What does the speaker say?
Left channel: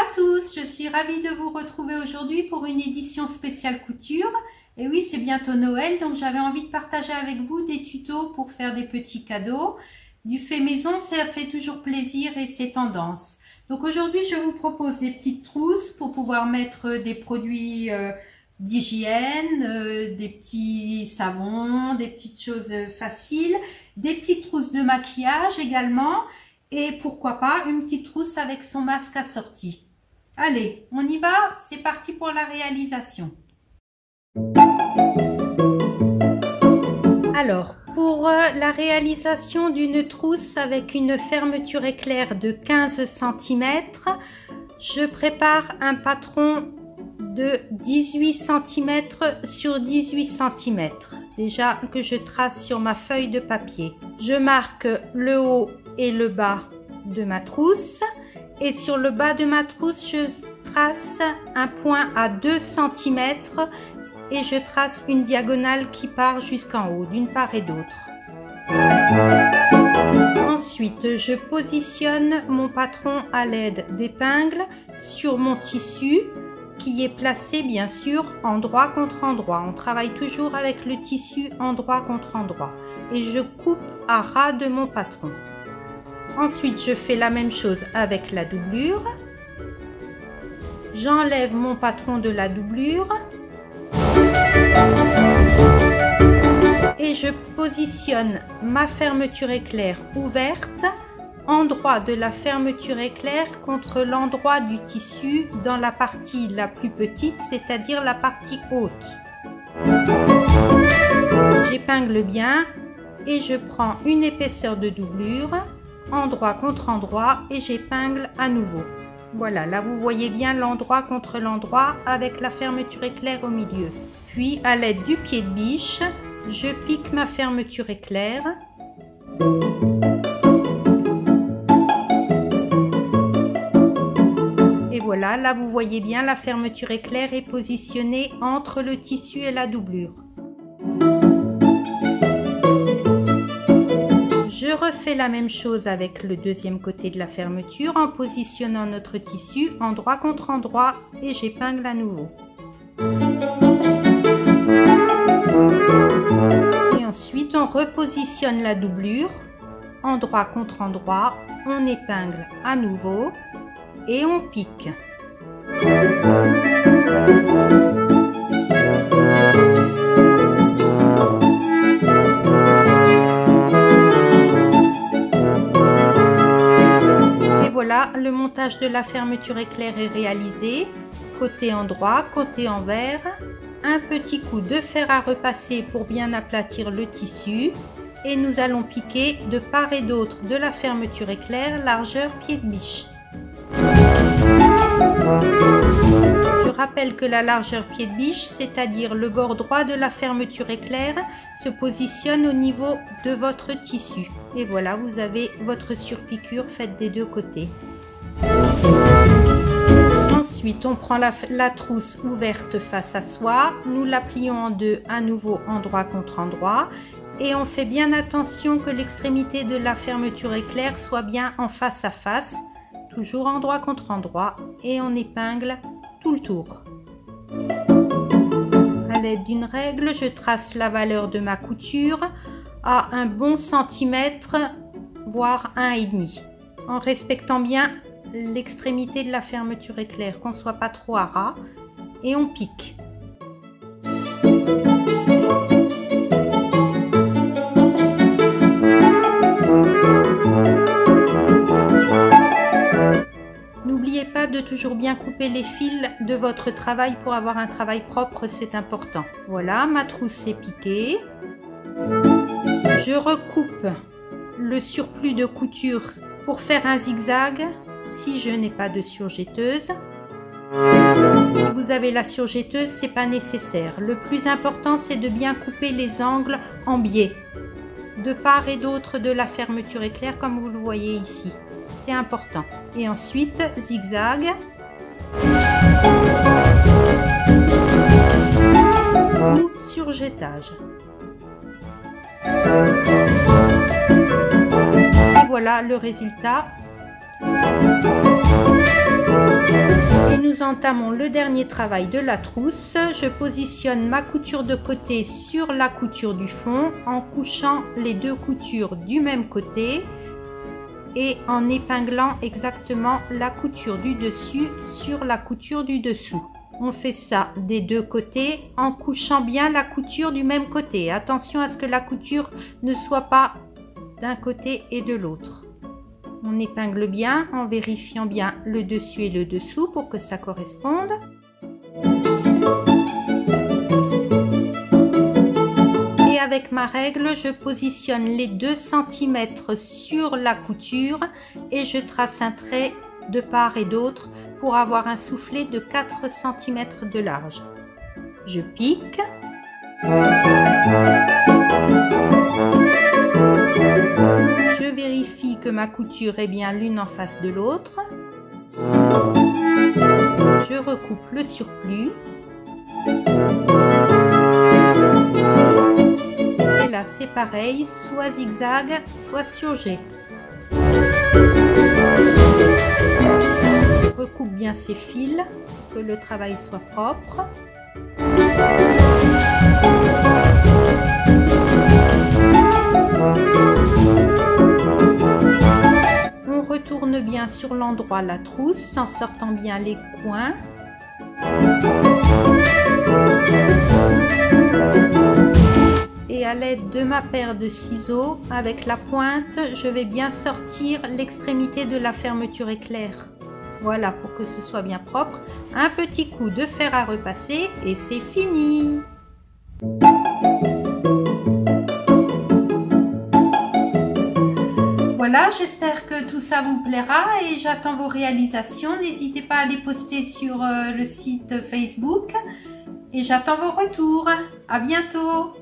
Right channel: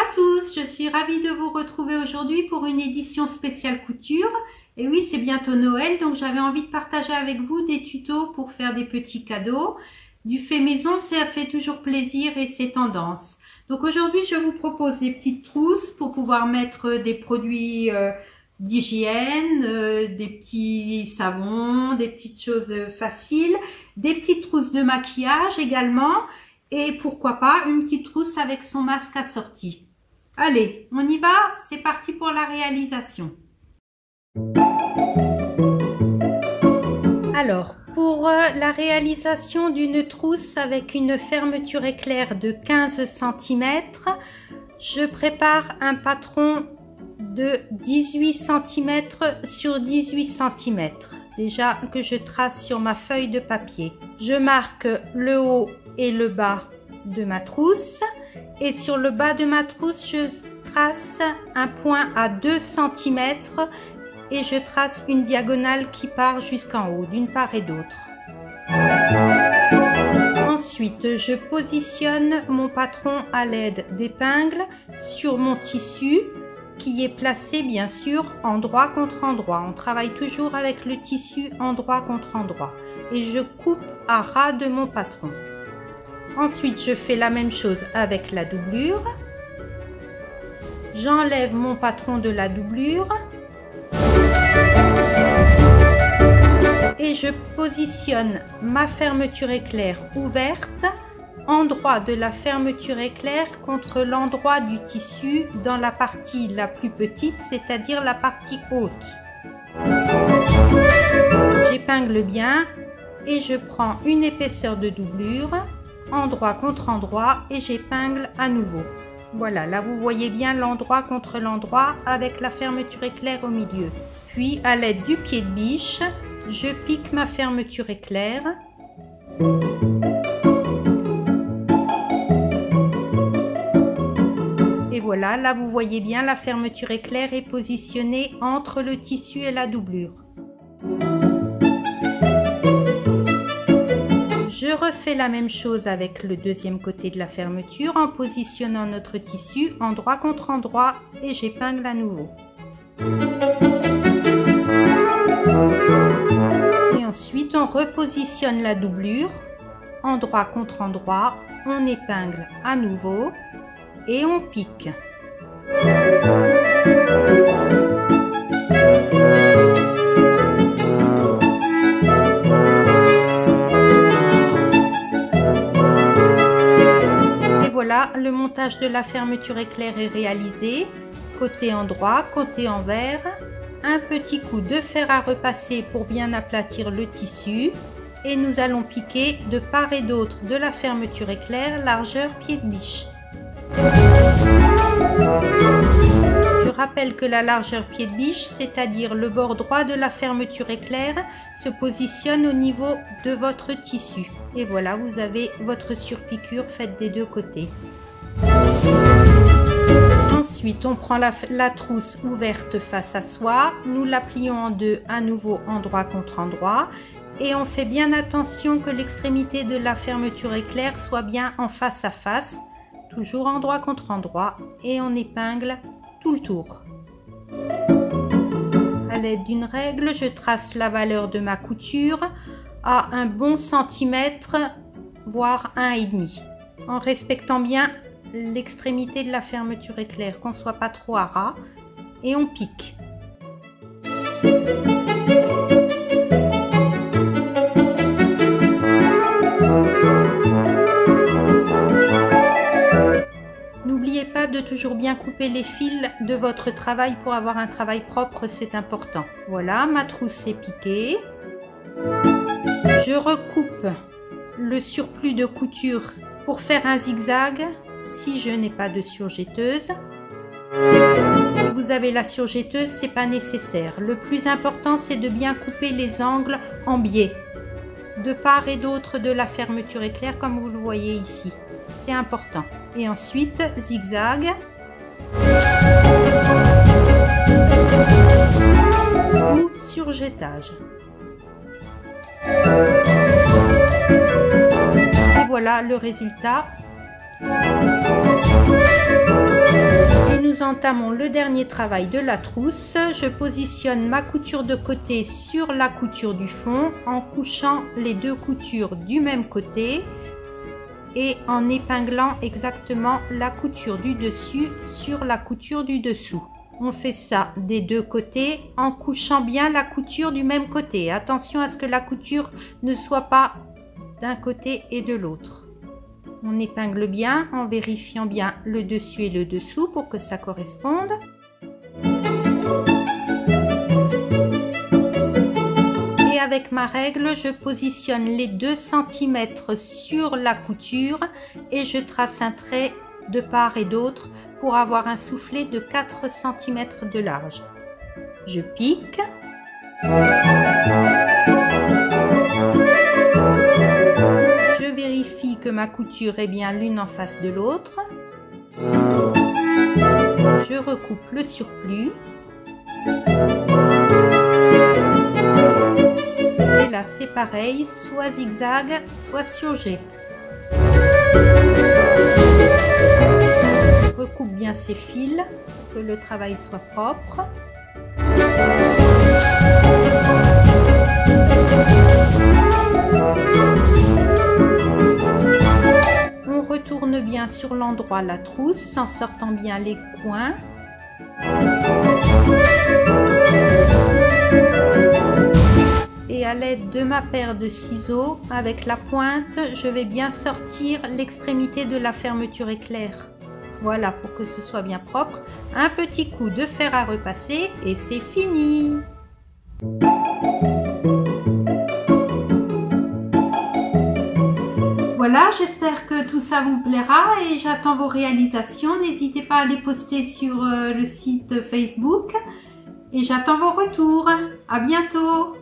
à tous, je suis ravie de vous retrouver aujourd'hui pour une édition spéciale couture. Et oui, c'est bientôt Noël, donc j'avais envie de partager avec vous des tutos pour faire des petits cadeaux. Du fait maison, ça fait toujours plaisir et c'est tendance. Donc aujourd'hui, je vous propose des petites trousses pour pouvoir mettre des produits d'hygiène, des petits savons, des petites choses faciles, des petites trousses de maquillage également. Et pourquoi pas une petite trousse avec son masque assorti. Allez, on y va, c'est parti pour la réalisation. Alors, pour la réalisation d'une trousse avec une fermeture éclair de 15 cm, je prépare un patron de 18 cm sur 18 cm. Déjà que je trace sur ma feuille de papier. Je marque le haut et le bas de ma trousse et sur le bas de ma trousse je trace un point à 2 cm et je trace une diagonale qui part jusqu'en haut d'une part et d'autre. Ensuite je positionne mon patron à l'aide d'épingles sur mon tissu qui est placé bien sûr endroit contre endroit. On travaille toujours avec le tissu endroit contre endroit et je coupe à ras de mon patron. Ensuite, je fais la même chose avec la doublure. J'enlève mon patron de la doublure. Et je positionne ma fermeture éclair ouverte, endroit de la fermeture éclair contre l'endroit du tissu dans la partie la plus petite, c'est-à-dire la partie haute. J'épingle bien et je prends une épaisseur de doublure. Endroit contre endroit et j'épingle à nouveau. Voilà, là vous voyez bien l'endroit contre l'endroit avec la fermeture éclair au milieu. Puis à l'aide du pied de biche, je pique ma fermeture éclair. Et voilà, là vous voyez bien la fermeture éclair est positionnée entre le tissu et la doublure. Je refais la même chose avec le deuxième côté de la fermeture en positionnant notre tissu endroit contre endroit et j'épingle à nouveau. Et ensuite on repositionne la doublure endroit contre endroit, on épingle à nouveau et on pique. Voilà, le montage de la fermeture éclair est réalisé. Côté endroit, côté envers. Un petit coup de fer à repasser pour bien aplatir le tissu. Et nous allons piquer de part et d'autre de la fermeture éclair, largeur pied de biche. Je rappelle que la largeur pied de biche, c'est-à-dire le bord droit de la fermeture éclair, se positionne au niveau de votre tissu. Et voilà, vous avez votre surpiqûre faite des deux côtés. Ensuite, on prend la trousse ouverte face à soi, nous la plions en deux à nouveau endroit contre endroit et on fait bien attention que l'extrémité de la fermeture éclair soit bien en face à face, toujours endroit contre endroit et on épingle tout le tour. À l'aide d'une règle, je trace la valeur de ma couture à un bon centimètre, voire 1,5, en respectant bien l'extrémité de la fermeture éclair, qu'on ne soit pas trop à ras, et on pique. N'oubliez pas de toujours bien couper les fils de votre travail pour avoir un travail propre, c'est important. Voilà, ma trousse est piquée. Je recoupe le surplus de couture pour faire un zigzag si je n'ai pas de surjetteuse. Si vous avez la surjetteuse, c'est pas nécessaire. Le plus important, c'est de bien couper les angles en biais, de part et d'autre de la fermeture éclair, comme vous le voyez ici. C'est important. Et ensuite, zigzag. Ou surjetage. Et voilà le résultat. entamons le dernier travail de la trousse. Je positionne ma couture de côté sur la couture du fond en couchant les deux coutures du même côté et en épinglant exactement la couture du dessus sur la couture du dessous. On fait ça des deux côtés en couchant bien la couture du même côté. Attention à ce que la couture ne soit pas d'un côté et de l'autre. On épingle bien en vérifiant bien le dessus et le dessous pour que ça corresponde. Et avec ma règle, je positionne les 2 cm sur la couture et je trace un trait de part et d'autre pour avoir un soufflet de 4 cm de large. Je pique. Je vérifie que ma couture est bien l'une en face de l'autre. Je recoupe le surplus. Et là c'est pareil, soit zigzag, soit surjet. Recoupe bien ces fils pour que le travail soit propre. On retourne bien sur l'endroit la trousse en sortant bien les coins. Et à l'aide de ma paire de ciseaux, avec la pointe, je vais bien sortir l'extrémité de la fermeture éclair. Voilà, pour que ce soit bien propre. Un petit coup de fer à repasser et c'est fini. Voilà, j'espère que tout ça vous plaira et j'attends vos réalisations. N'hésitez pas à les poster sur le site Facebook et j'attends vos retours. À bientôt.